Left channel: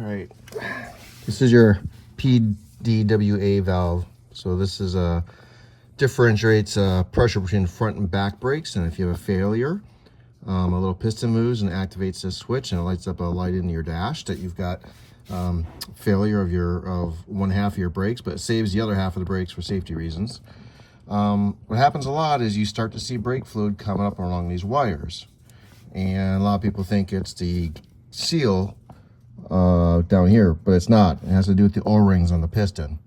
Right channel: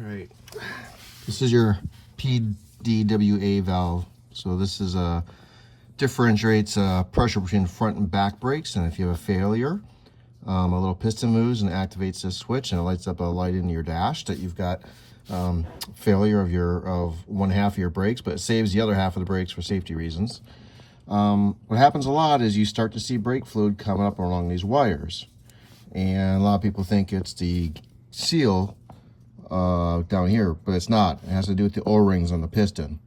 right, this is your PDWA valve. So this is differentiates pressure between front and back brakes, and if you have a failure, a little piston moves and activates this switch, and it lights up a light in your dash that you've got failure of one half of your brakes, but it saves the other half of the brakes for safety reasons. What happens a lot is you start to see brake fluid coming up along these wires, and a lot of people think it's the seal down here, but it's not. It has to do with the O-rings on the piston.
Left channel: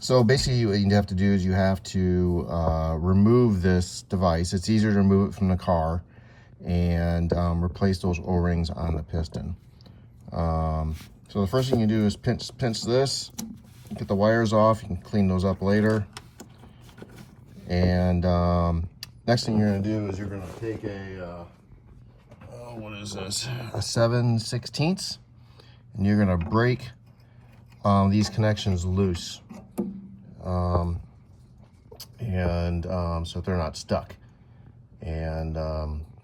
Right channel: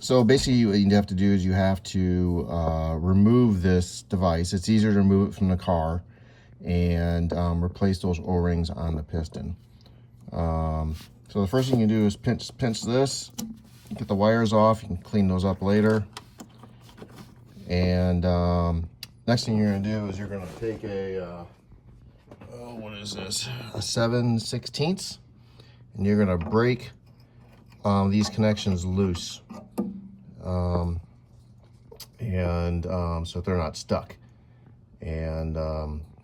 So basically what you have to do is you have to remove this device. It's easier to remove it from the car and replace those O-rings on the piston. So the first thing you do is pinch this, get the wires off. You can clean those up later. And next thing you're going to do is you're going to take a what is this? A 7/16, and you're going to break these connections loose, so they're not stuck. And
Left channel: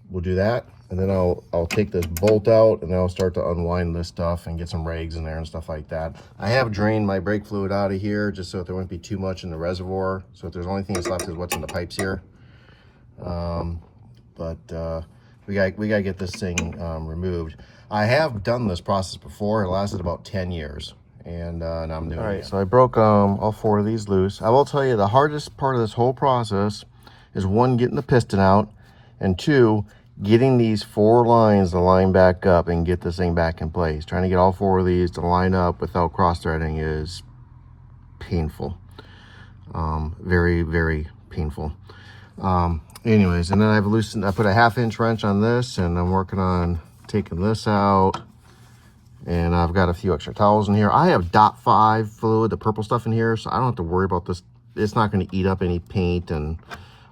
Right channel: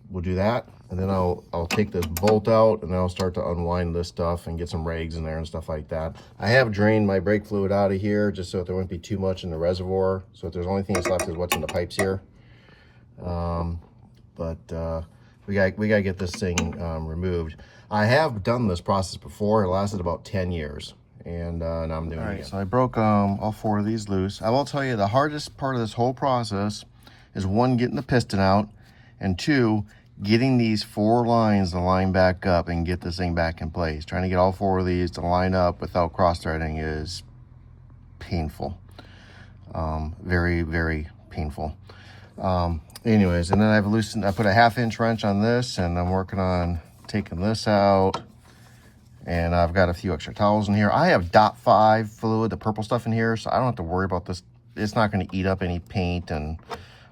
we'll do that, and then I'll take this bolt out, and then I'll start to unwind this stuff and get some rags in there and stuff like that. I have drained my brake fluid out of here just so that there wouldn't be too much in the reservoir. So if there's only thing that's left is what's in the pipes here. We gotta get this thing removed. I have done this process before. It lasted about 10 years. And now I'm doing it again. So I broke all 4 of these loose. I will tell you the hardest part of this whole process is 1, getting the piston out, and 2, getting these 4 lines to line back up and get this thing back in place. Trying to get all 4 of these to line up without cross-threading is painful. Very, very painful. Anyways, and then I put a 1/2-inch wrench on this, and I'm working on taking this out. And I've got a few extra towels in here. I have .5 fluid, the purple stuff in here, so I don't have to worry about this. It's not going to eat up any paint and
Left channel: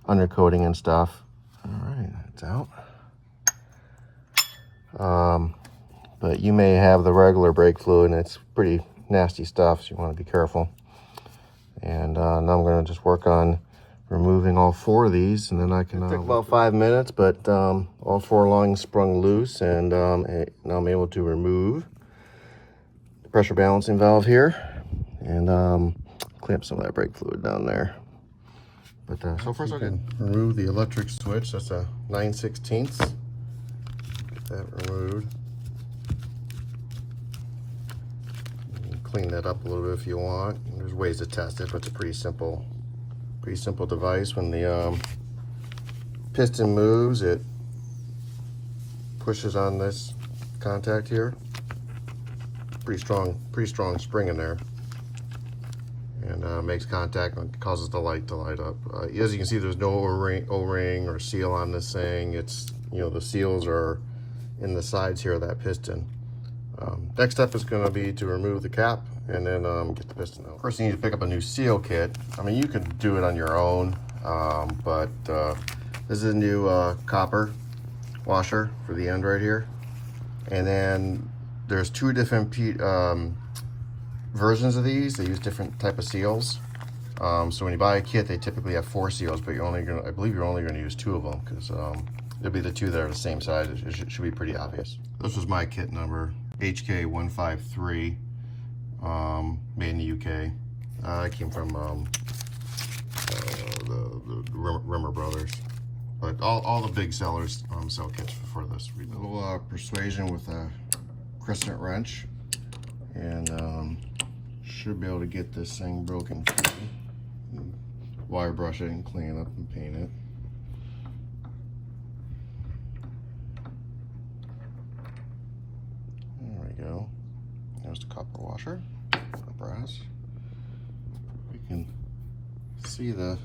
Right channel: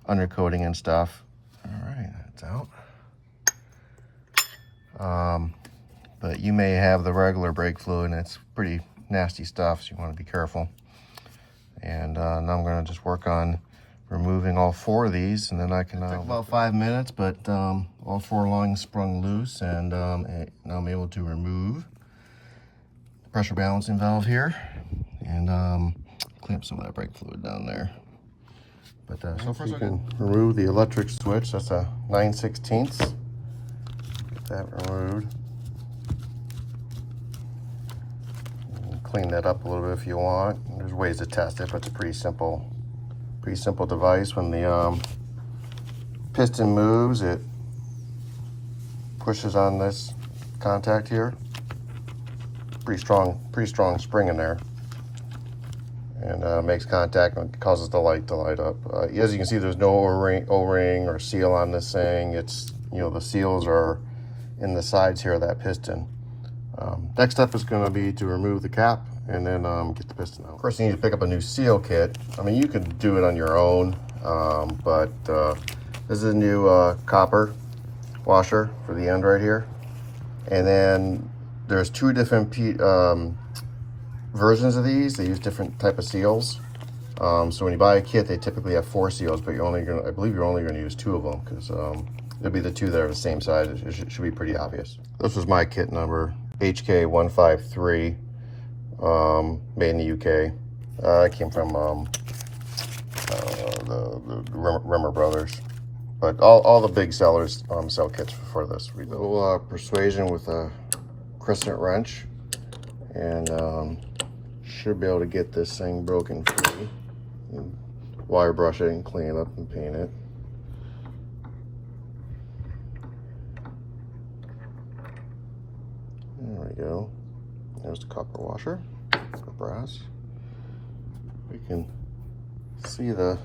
undercoating and stuff. All right, that's out. But you may have the regular brake fluid, and it's pretty nasty stuff, so you want to be careful. And now I'm going to just work on removing all 4 of these, and then I can... It took about 5 minutes, but all 4 lines sprung loose, and now I'm able to remove pressure balancing valve here, and clean up some of that brake fluid down there. But so first I can remove the electric switch. That's a 9/16. Get that removed. You can clean that up a little bit if you want. There's ways to test it, but it's a pretty simple device. When the piston moves, it pushes on this contact here. Pretty strong spring in there, and makes contact and causes the light to light up. As you can see, there's no O-ring or seal on this thing. It's, the seals are in the sides here of that piston. Next step is going to be to remove the cap and then get the piston out. First, you need to pick up a new seal kit. I mean, you could do it on your own, but this is a new copper washer for the end right here, and then there's 2 different versions of these. They use different type of seals. So when you buy a kit, they typically have 4 seals, but I believe you're only going to use 2 of them, because it'll be the 2 that are the same size. It should be pretty obvious. This was my kit number, HK153, made in the UK. It came from the Rimmer Brothers. But all the big sellers sell kits for this. A little persuasion with a crescent wrench, and should be able to get this thing broken free. And wire brush it and clean it up and paint it. There we go. There's the copper washer, the brass. We can see the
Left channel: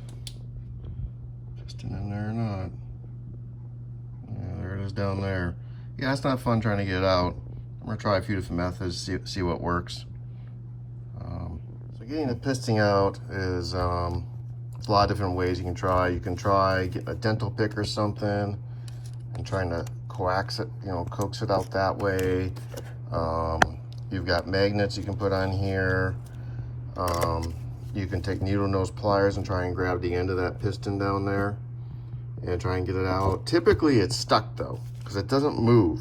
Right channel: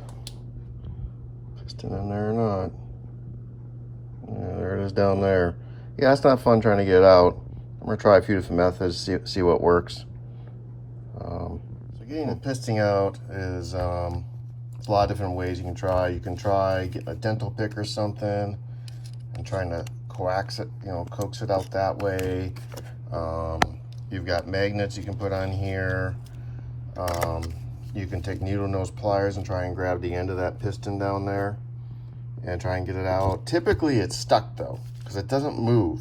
piston in there or not. Yeah, there it is down there. Yeah, it's not fun trying to get it out. I'm going to try a few different methods, see what works. So getting the piston out is a lot of different ways you can try. You can try get a dental pick or something and trying to coax it, coax it out that way. You've got magnets you can put on here. You can take needle nose pliers and try and grab the end of that piston down there and try and get it out. Typically it's stuck though, because it doesn't move.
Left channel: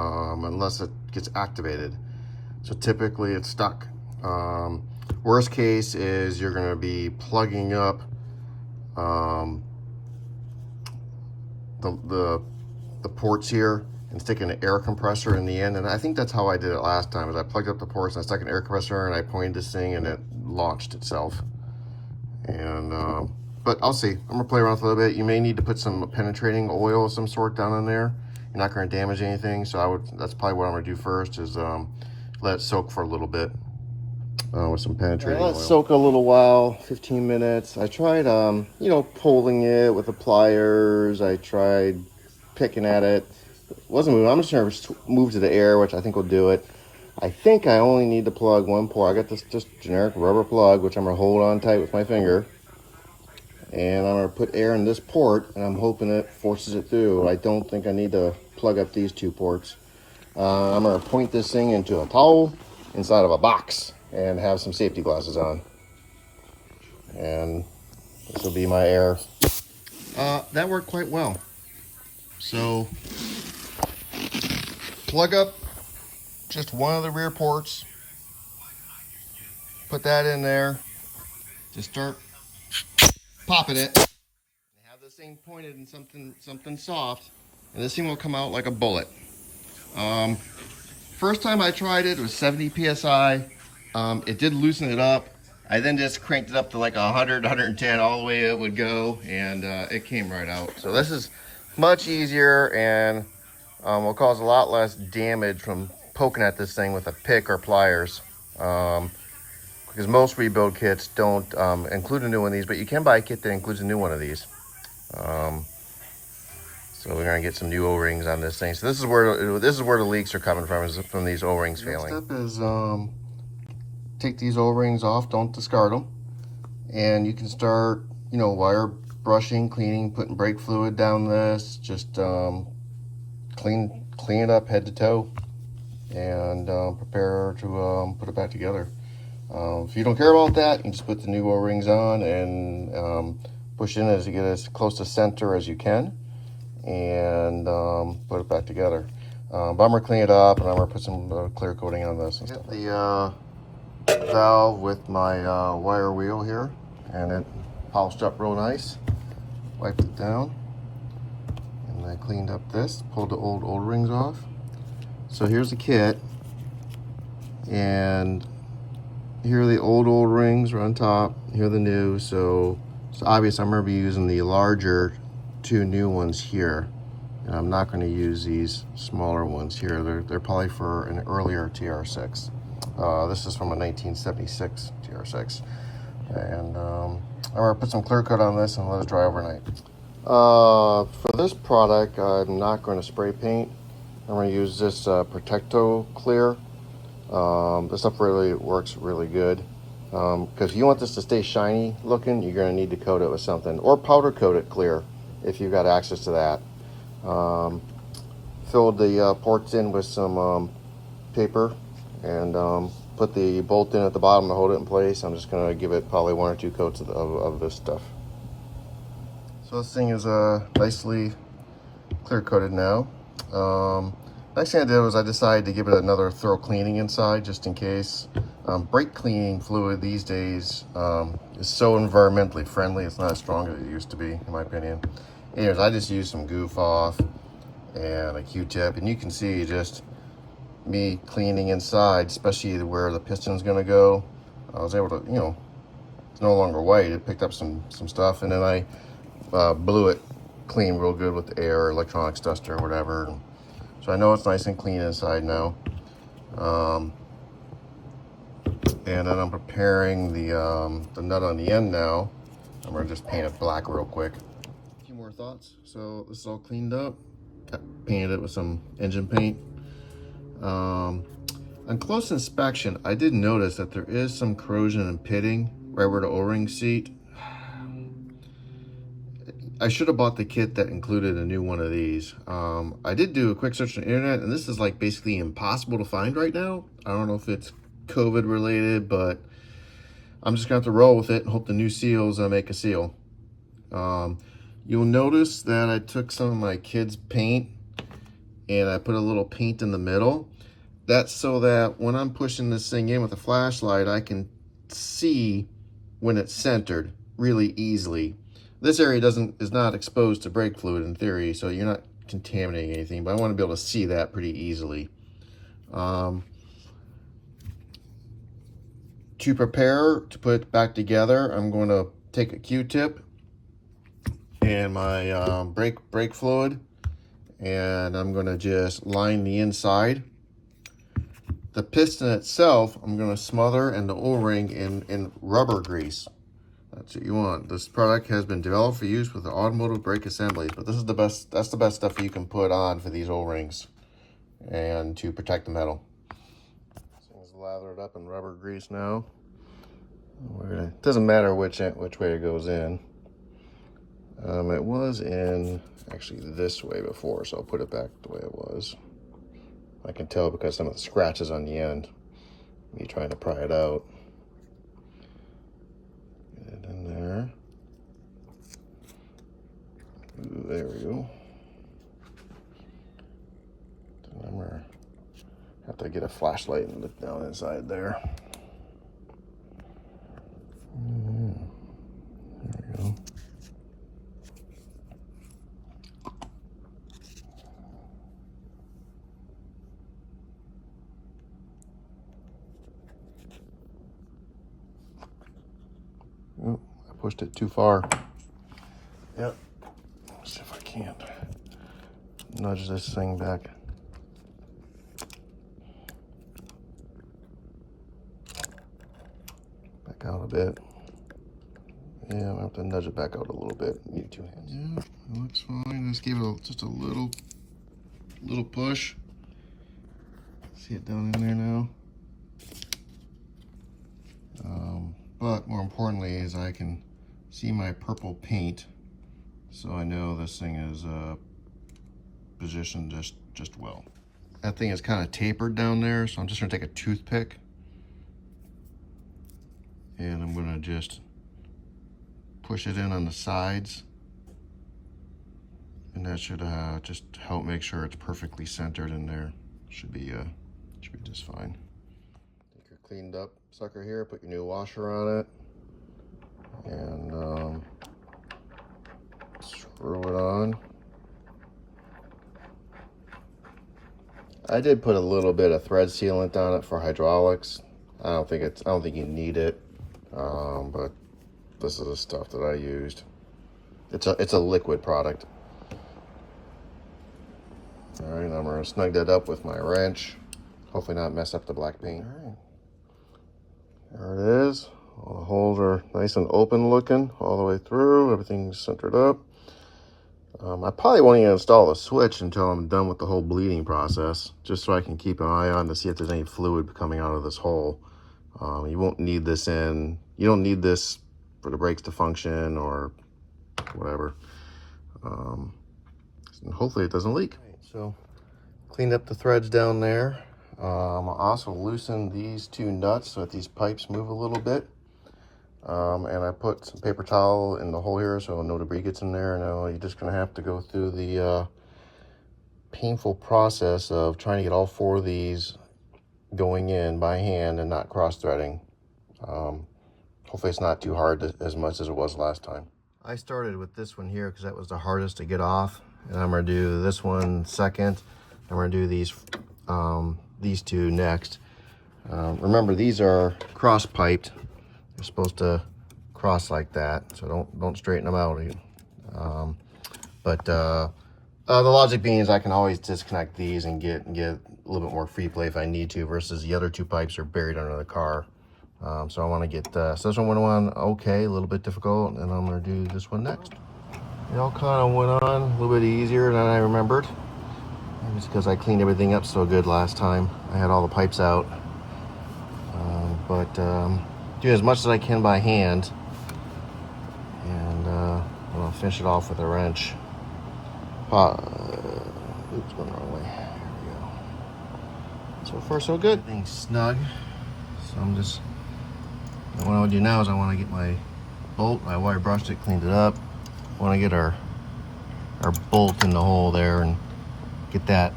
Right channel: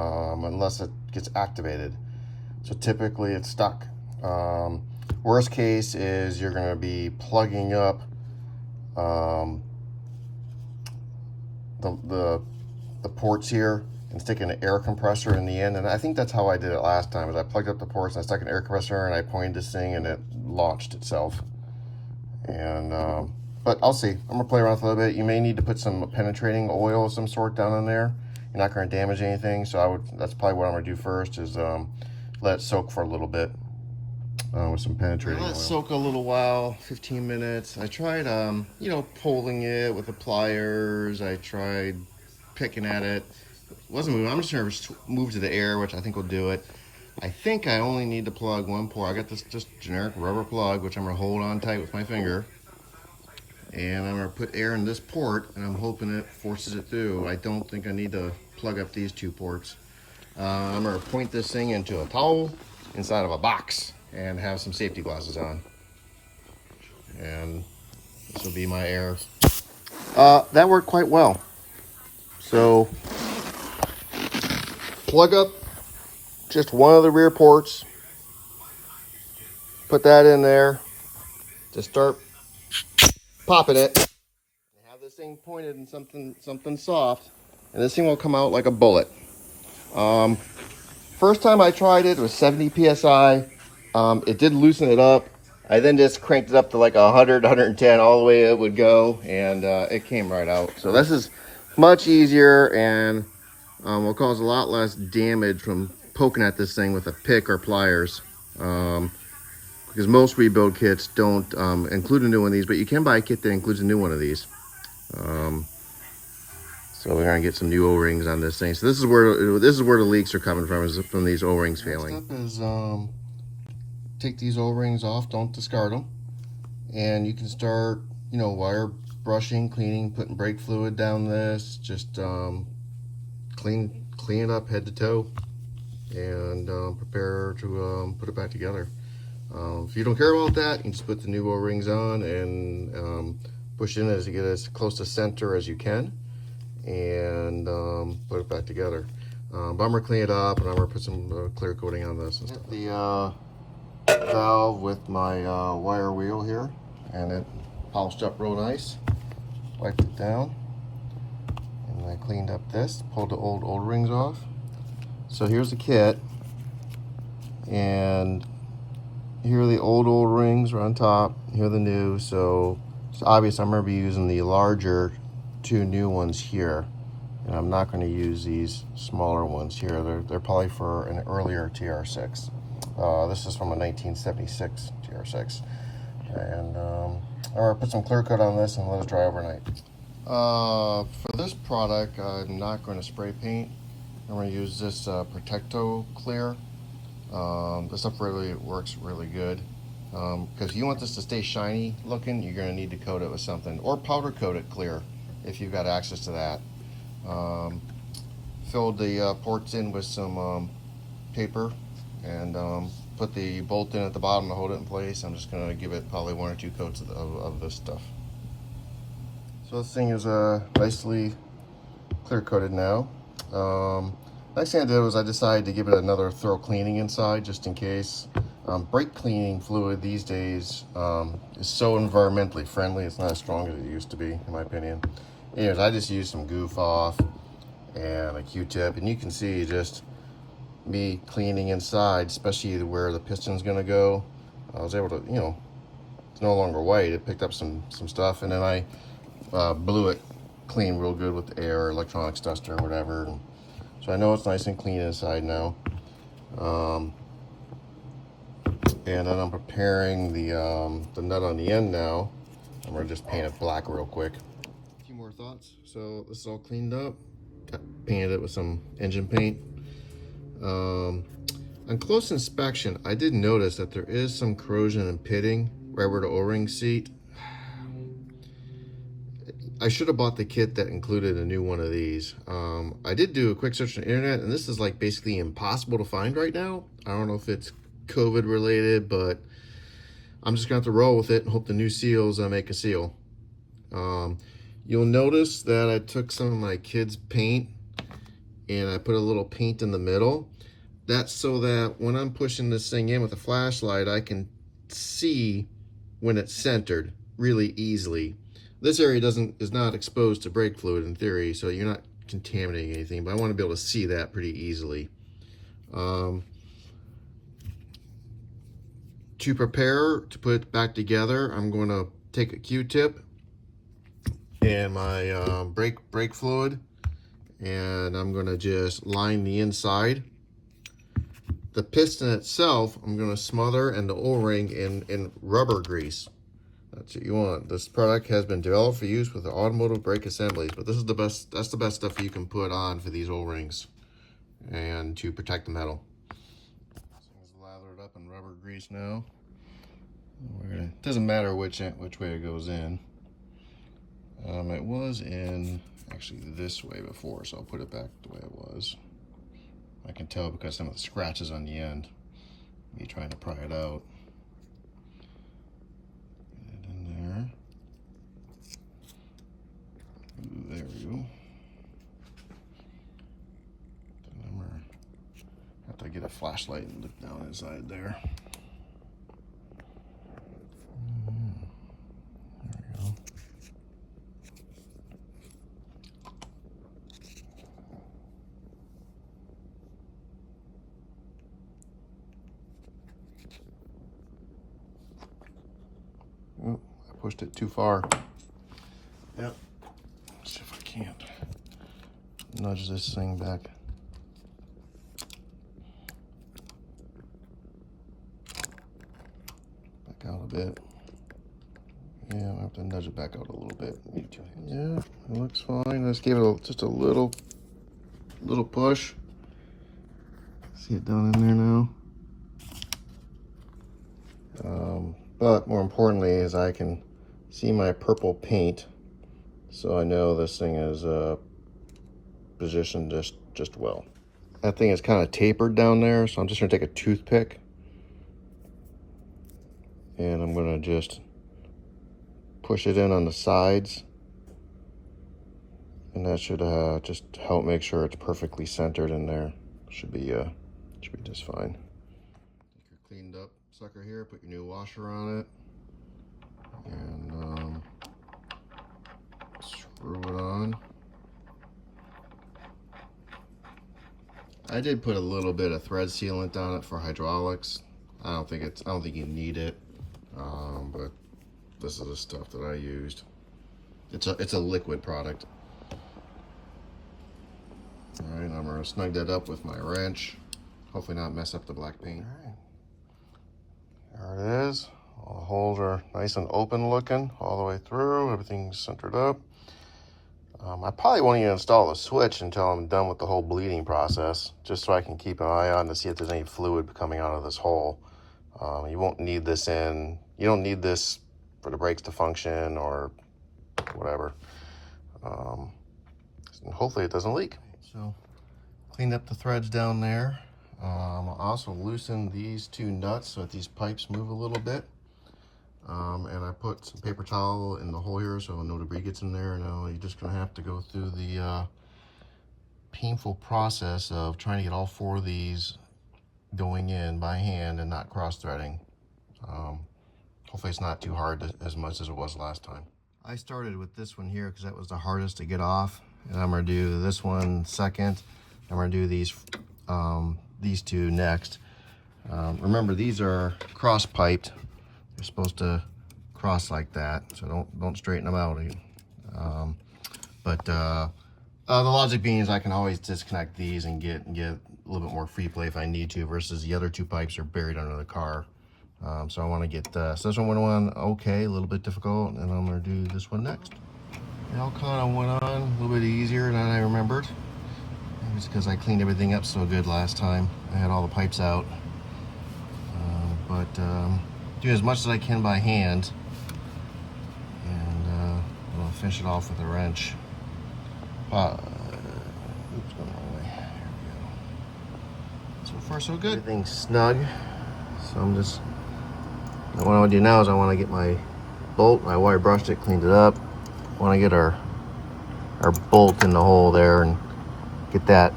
unless it gets activated. So typically it's stuck. Worst case is you're going to be plugging up the ports here and sticking an air compressor in the end. And I think that's how I did it last time, is I plugged up the ports and I stuck an air compressor and I pointed this thing and it launched itself. And but I'll see. I'm gonna play around with it a little bit. You may need to put some penetrating oil of some sort down in there. You're not going to damage anything, so that's probably what I'm going to do first, is let it soak for a little bit with some penetrating oil. Let it soak a little while, 15 minutes. I tried, you know, pulling it with the pliers. I tried picking at it. It wasn't moving. I'm just going to move to the air, which I think will do it. I think I only need to plug one port. I got this just generic rubber plug, which I'm going to hold on tight with my finger. And I'm going to put air in this port, and I'm hoping it forces it through. I don't think I need to plug up these two ports. I'm going to point this thing into a towel inside of a box and have some safety glasses on. And this will be my air. That worked quite well. So, plug up just one of the rear ports. Put that in there. Just start popping it, and have this thing pointed in something soft, and this thing will come out like a bullet. First time I tried it was 70 psi. It did loosen it up. I then just cranked it up to like 100, 110, all the way it would go, and it came right out. So this is much easier and will cause a lot less damage from poking at this thing with a pick or pliers. Because most rebuild kits don't include a new one of these, but you can buy a kit that includes a new one of these. So we're gonna get some new O-rings on this thing. So this is where the leaks are coming from, is from these O-rings failing. Next step is take these O-rings off. Don't discard them, and you can start, you know, wire brushing, cleaning, putting brake fluid down this. Just clean it up head to toe, and prepare to put it back together. If you don't care about that, you can just put the new O-rings on and push in as you get as close to center as you can, and put it back together. But I'm gonna clean it up, and I'm gonna put some clear coating on this and stuff. The valve with my wire wheel here, and it polished up real nice. Wiped it down, and I cleaned up this, pulled the old O-rings off. So here's the kit, and here are the old O-rings are on top. Here are the new. So it's obvious I'm going to be using the larger two new ones here, and I'm not going to use these smaller ones here. They're probably for an earlier TR6. This is from a 1976 TR6, and I'm going to put some clear coat on this and let it dry overnight. For this product, I'm not going to spray paint. I'm going to use this Protecto Clear. This stuff really works really good, because if you want this to stay shiny looking, you're going to need to coat it with something, or powder coat it clear if you've got access to that. Filled the ports in with some paper, and put the bolt in at the bottom to hold it in place. I'm just going to give it probably 1 or 2 coats of this stuff. So this thing is nicely clear coated now. Next thing I did was I decided to give it another thorough cleaning inside, just in case. Brake cleaning fluid these days is so environmentally friendly. It's not as strong as it used to be, in my opinion. Anyways, I just used some goof off and a Q-tip, and you can see just me cleaning inside, especially where the piston's gonna go. I was able to, you know, it's no longer white. It picked up some stuff, and then I blew it clean real good with the air, electronics duster, or whatever. So I know it's nice and clean inside now. And then I'm preparing the nut on the end now. I'm gonna just paint it black real quick. A few more thoughts. So this is all cleaned up. Painted it with some engine paint. On close inspection, I did notice that there is some corrosion and pitting right where the O-ring seat. I should have bought the kit that included a new one of these. I did do a quick search on the internet, and this is like basically impossible to find right now. I don't know if it's COVID related, but I'm just gonna have to roll with it and hope the new seals make a seal. You'll notice that I took some of my kids' paint and I put a little paint in the middle. That's so that when I'm pushing this thing in with a flashlight, I can see when it's centered really easily. This area is not exposed to brake fluid in theory, so you're not contaminating anything, but I want to be able to see that pretty easily. To prepare to put it back together, I'm going to take a Q-tip and my brake fluid, and I'm going to just line the inside. The piston itself, I'm going to smother, and the O-ring in rubber grease. That's what you want. This product has been developed for use with the automotive brake assemblies, but this is the best. That's the best stuff you can put on for these O-rings and to protect the metal. This thing's lathered up in rubber grease now. It doesn't matter which way it goes in. It was in actually this way before, so I'll put it back the way it was. I can tell because some of the scratches on the end, me trying to pry it out. Get it in there. Ooh, there we go. I'm gonna have to get a flashlight and look down inside there. There we go. Ooh, I pushed it too far. Yep. Let's see if I can't nudge this thing back. Back out a bit. Yeah, I'll have to nudge it back out a little bit. Need 2 hands. Yeah, it looks fine. I just gave it just a little push. See it down in there now. But more importantly is I can see my purple paint, so I know this thing is positioned just well. That thing is kind of tapered down there, so I'm just gonna take a toothpick and I'm gonna just push it in on the sides, and that should just help make sure it's perfectly centered in there. Should be just fine. Take your cleaned up sucker here, put your new washer on it, and screw it on. I did put a little bit of thread sealant on it for hydraulics. I don't think you need it, but this is the stuff that I used. It's a liquid product. All right, I'm gonna snug that up with my wrench. Hopefully not mess up the black paint. All right. There it is. All the holes are nice and open looking all the way through. Everything's centered up. I probably won't even install the switch until I'm done with the whole bleeding process, just so I can keep an eye on to see if there's any fluid coming out of this hole. You won't need this you don't need this for the brakes to function or whatever. And hopefully it doesn't leak. So cleaned up the threads down there. I'll also loosen these 2 nuts so that these pipes move a little bit. And I put some paper towel in the hole here so no debris gets in there. Now you're just gonna have to go through the painful process of trying to get all 4 of these going in by hand and not cross-threading. Hopefully it's not too hard as much as it was last time. I started with this one here because that was the hardest to get off, and I'm gonna do this one second. I'm gonna do these 2 next. Remember, these are cross-piped. They're supposed to cross like that, so don't straighten them out. The logic being is I can always disconnect these and get a little bit more free play if I need to, versus the other 2 pipes are buried under the car. So I want to get so this one went on okay, a little bit difficult, and I'm going to do this one next. It all kind of went on a little bit easier than I remembered. Maybe it's because I cleaned everything up so good last time. I had all the pipes out. Do as much as I can by hand, and I'll finish it off with a wrench. Oops, going the wrong way. There we go. So far, so good. Everything's snug. So what I want to do now is I want to get my bolt. I wire brushed it, cleaned it up. I want to get our bolt in the hole there and get that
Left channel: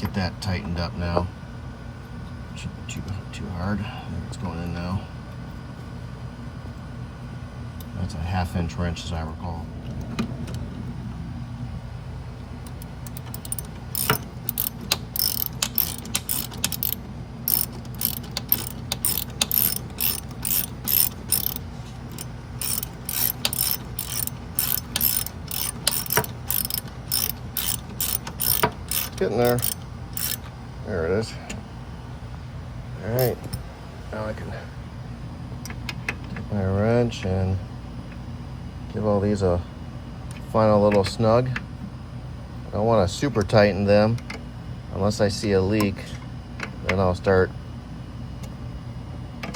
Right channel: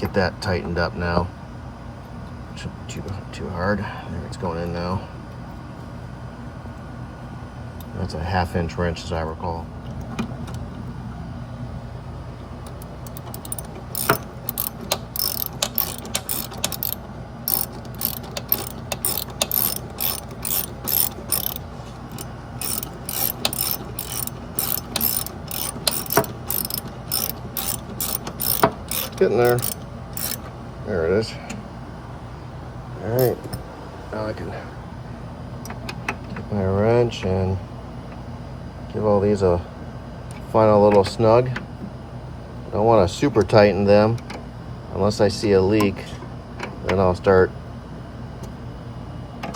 get that tightened up now. Shouldn't be too hard. There, it's going in now. That's a 1/2 inch wrench, as I recall. Getting there. There it is. All right. Take my wrench and give all these a final little snug. I don't want to super tighten them unless I see a leak. Then I'll start. Give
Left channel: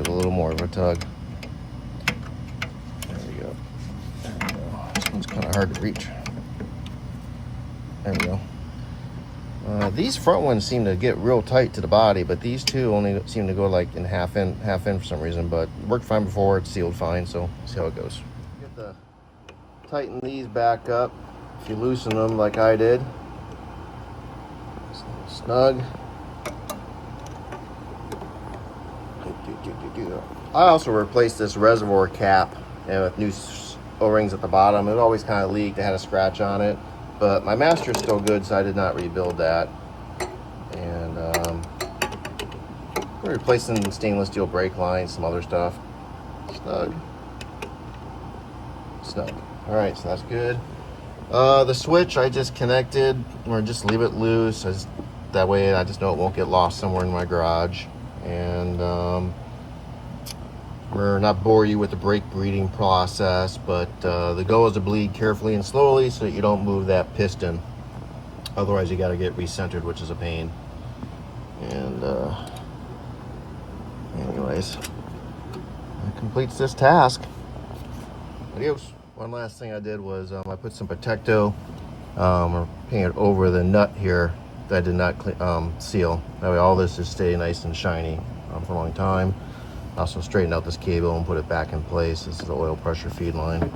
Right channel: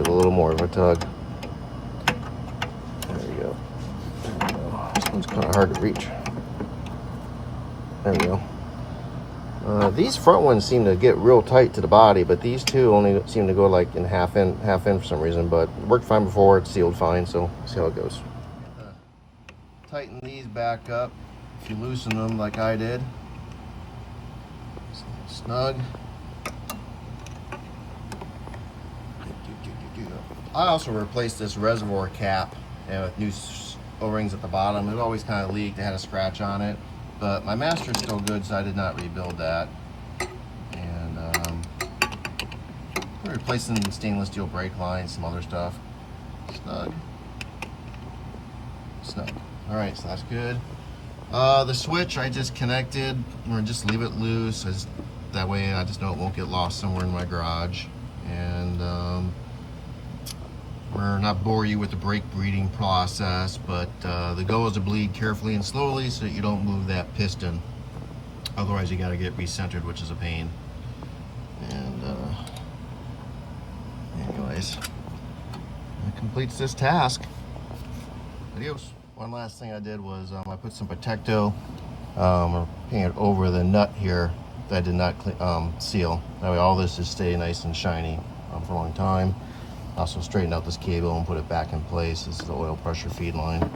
it a little more of a tug. There you go. This one's kind of hard to reach. There we go. These front ones seem to get real tight to the body, but these two only seem to go like in half in for some reason. But worked fine before, it's sealed fine, so see how it goes. Tighten these back up. If you loosen them like I did, it's a little snug. I also replaced this reservoir cap with new O-rings at the bottom. It always kind of leaked. It had a scratch on it. But my master's still good, so I did not rebuild that. And we're replacing stainless steel brake lines, some other stuff. Snug. Snug. All right, so that's good. The switch I just connected, or just leave it loose. That way I just know it won't get lost somewhere in my garage. And we're not bore you with the brake breeding process, but the goal is to bleed carefully and slowly so that you don't move that piston. Otherwise you got to get recentered, which is a pain. And anyways, that completes this task. Adios. One last thing I did was I put some Protecto or painted over the nut here that I did not seal. That way all this is stay nice and shiny for a long time. Also straighten out this cable and put it back in place. This is the oil pressure feed line.